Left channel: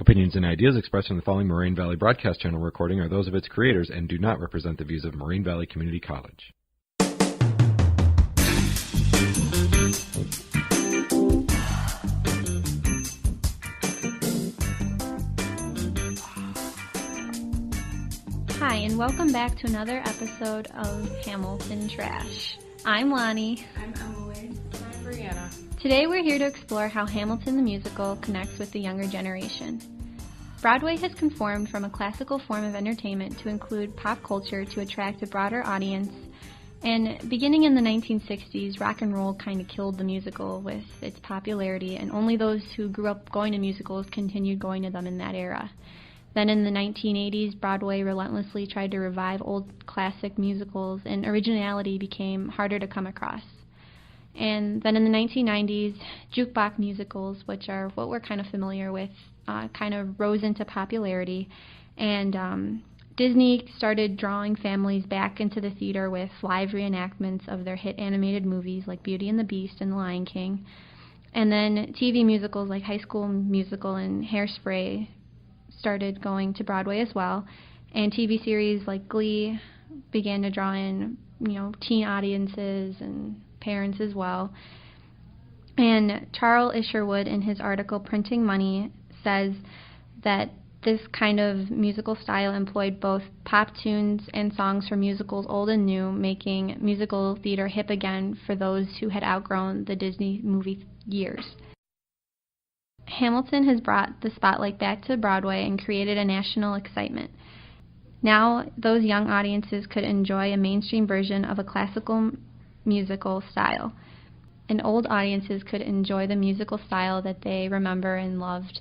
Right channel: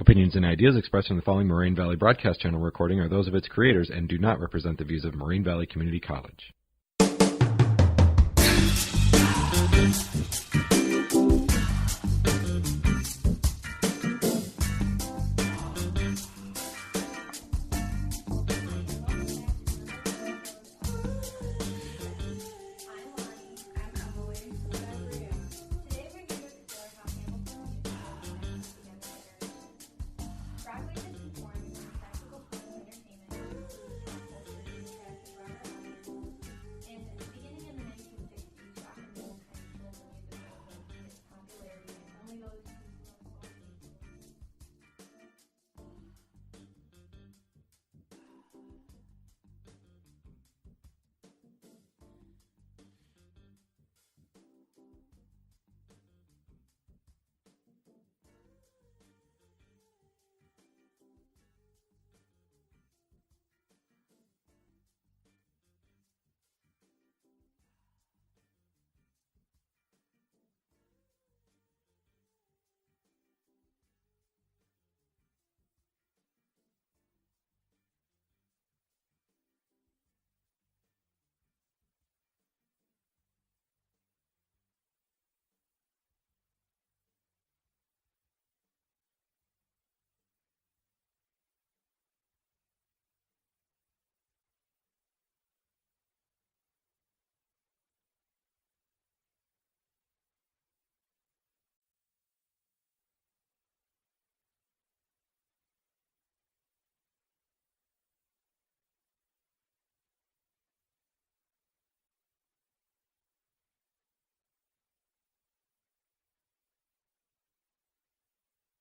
Opinions and ideas expressed in the following Moraine Valley Broadcast Channel recording are those of its creators and do not represent the views of Moraine Valley Community College. Hi, and welcome back to another episode of Hamilton Trash. I'm Lonnie. I'm Emily. I'm Brianna. Today we're here to explore how Hamilton the musical connects with the younger generation. Broadway has conformed from a classical form of entertainment to include pop culture to attract a broader audience, and beginning in the 1960s, rock and roll kind of killed the musical with its popularity, and only those who grew up going to musicals continued going to them in that era. Then in the 1980s, Broadway relentlessly tried to revive old classic musicals, and originality became harder to come across. And then in the 1990s, jukebox musicals, which are what we're kind of familiar with, kind of rose into popularity, and Disney started drawing families back into the theater with live reenactments of their hit animated movies like Beauty and the Beast and The Lion King. And then TV musicals like High School Musical and Hairspray started going to Broadway as well, and TV series like Glee began to draw in, teen audiences and parents as well. And Charles Isherwood, in his article Printing Money, says that this kind of musical style employed both pop tunes and songs from musicals old and new, making musical theater hip again for those who had outgrown the Disney movie years. Hamilton has brought the spotlight back to Broadway and created a national excitement. Now, those young audiences could enjoy a mainstream version of a classical musical style, and old audiences could enjoy the musical style that they remember and loved.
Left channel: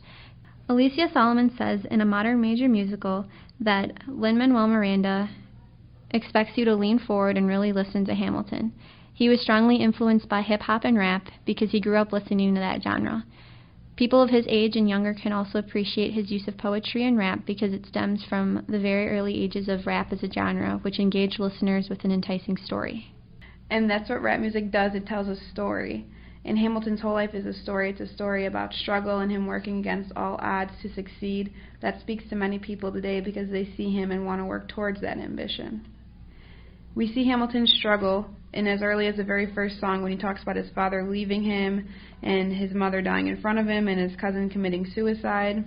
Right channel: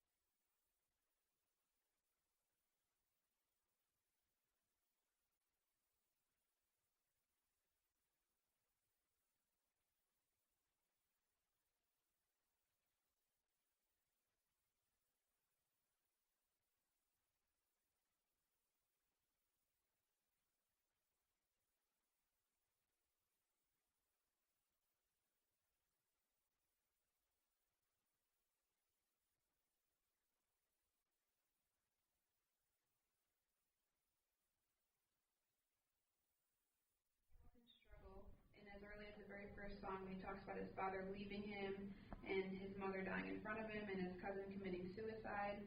Alicia Solomon says in a modern major musical that Lin-Manuel Miranda expects you to lean forward and really listen to Hamilton. He was strongly influenced by hip-hop and rap because he grew up listening to that genre. People of his age and younger can also appreciate his use of poetry and rap because it stems from the very early ages of rap as a genre, which engaged listeners with an enticing story. And that's what rap music does. It tells a story. And Hamilton's whole life is a story. It's a story about struggle and him working against all odds to succeed. That speaks to many people today because they see him and want to work towards that ambition. We see Hamilton's struggle in as early as the very first song when he talks about his father leaving him and his mother dying in front of him and his cousin committing suicide.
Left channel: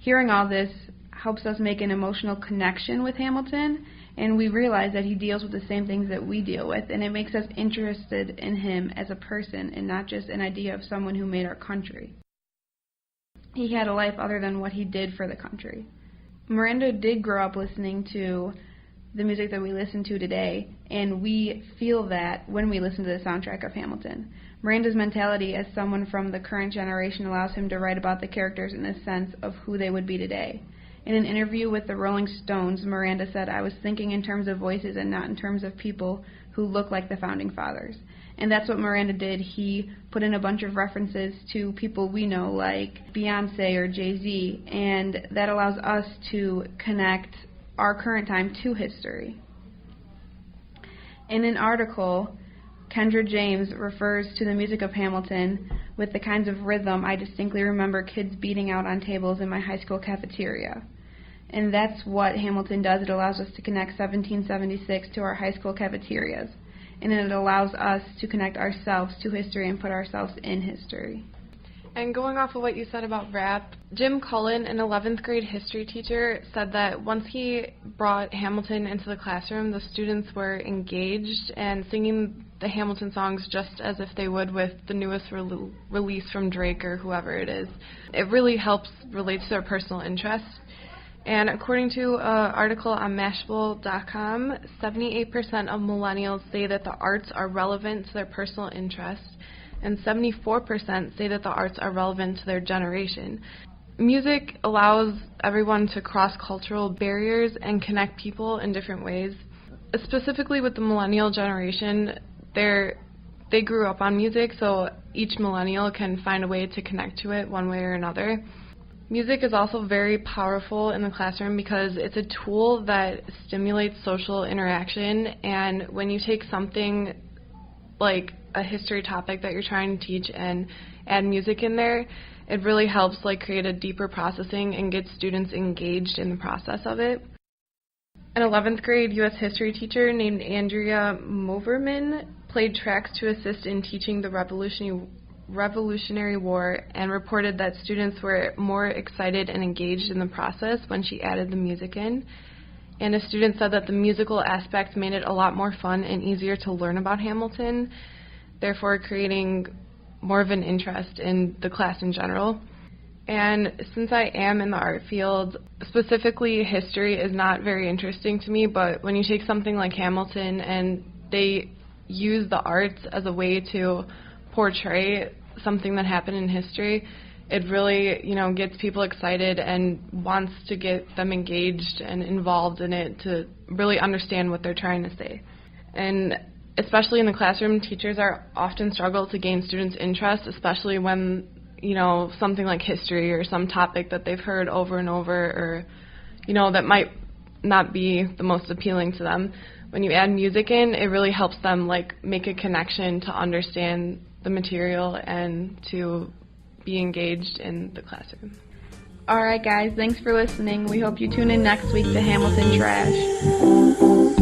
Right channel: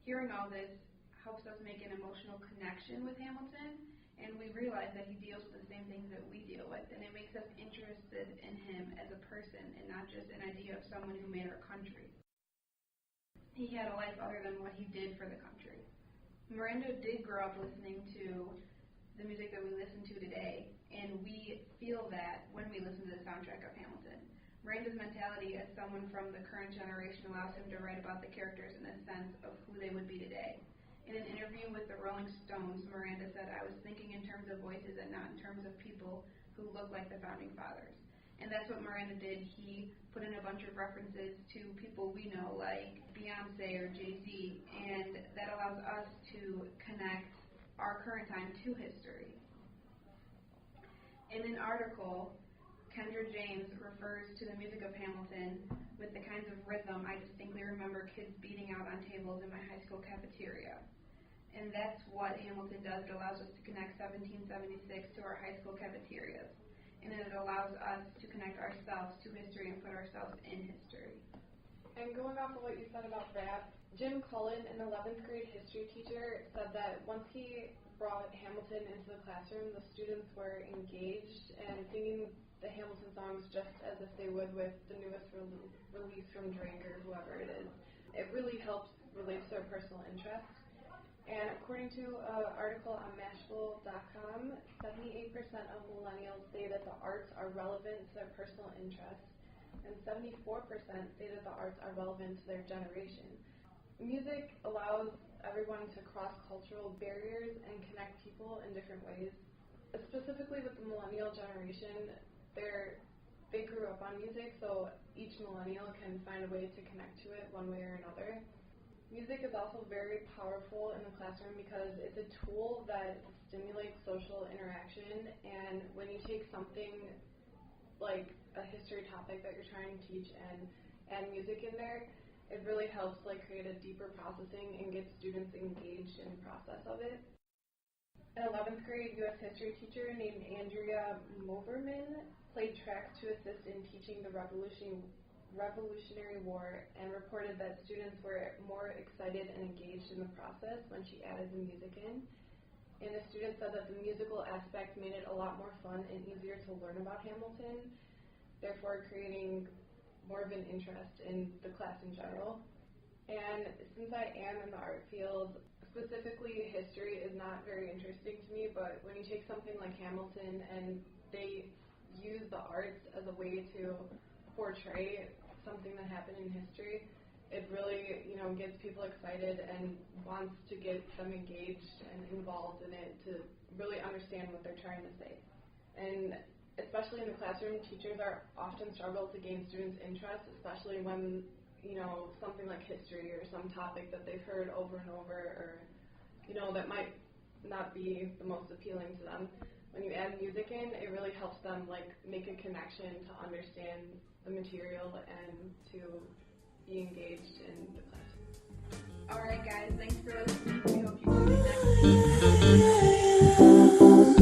Hearing all this helps us make an emotional connection with Hamilton, and we realize that he deals with the same things that we deal with, and it makes us interested in him as a person and not just an idea of someone who made our country. He had a life other than what he did for the country. Miranda did grow up listening to the music that we listen to today, and we feel that when we listen to the soundtrack of Hamilton. Miranda's mentality as someone from the current generation allows him to write about the characters in a sense of who they would be today. In an interview with the Rolling Stones, Miranda said, "I was thinking in terms of voices and not in terms of people who look like the Founding Fathers." And that's what Miranda did. He put in a bunch of references to people we know like Beyonce or Jay-Z, and that allows us to connect our current time to history. In an article, Kendra James refers to the music of Hamilton with the kinds of rhythm I distinctly remember kids beating out on tables in my high school cafeteria. And that's what Hamilton does. It allows us to connect 1776 to our high school cafeterias. And it allows us to connect ourselves to history and put ourselves in history. And going off of what you said about rap, Jim Cullen, an 11th grade history teacher, said that once he brought Hamilton into the classroom, the students were engaged and singing the Hamilton songs just as if they would with the newest release from Drake or whoever it is. It really helps relate to their personal interests. And according to an article on Mashable.com, 78% of millennials say that the arts are relevant to their personal interests, and 74% say that the arts are relevant to their generation. Music allows everyone to cross cultural barriers and connect people in different ways. Specifically with the millennial generation, they grew up on music, so each millennial can find a way to connect to it one way or another. Music is also very powerful in the classroom because it's a tool that stimulates social interaction, and when you take something like a history topic that you're trying to teach and add music in there, It really helps create a deeper processing and get students engaged in the process of it. An 11th grade U.S. history teacher named Andrea Moverman played tracks to assist in teaching the Revolutionary War and reported that students were more excited and engaged in the process when she added the music in. And a student said that the musical aspect made it a lot more fun and easier to learn about Hamilton, therefore creating more of an interest in the class in general. And since I am in the art field, specifically history is not very interesting to me, but when you take something like Hamilton and they use the arts as a way to portray something that happened in history, it really, gets people excited and wants to get them engaged and involved in it to really understand what they're trying to say. And especially in the classroom, teachers are often struggle to gain students' interest, especially when, something like history or some topic that they've heard over and over or, that might not be the most appealing to them. When you add music in, it really helps them, make a connection to understand the material and to be engaged in the classroom. All right, guys, thanks for listening. We hope you tune in next week to Hamilton Trash.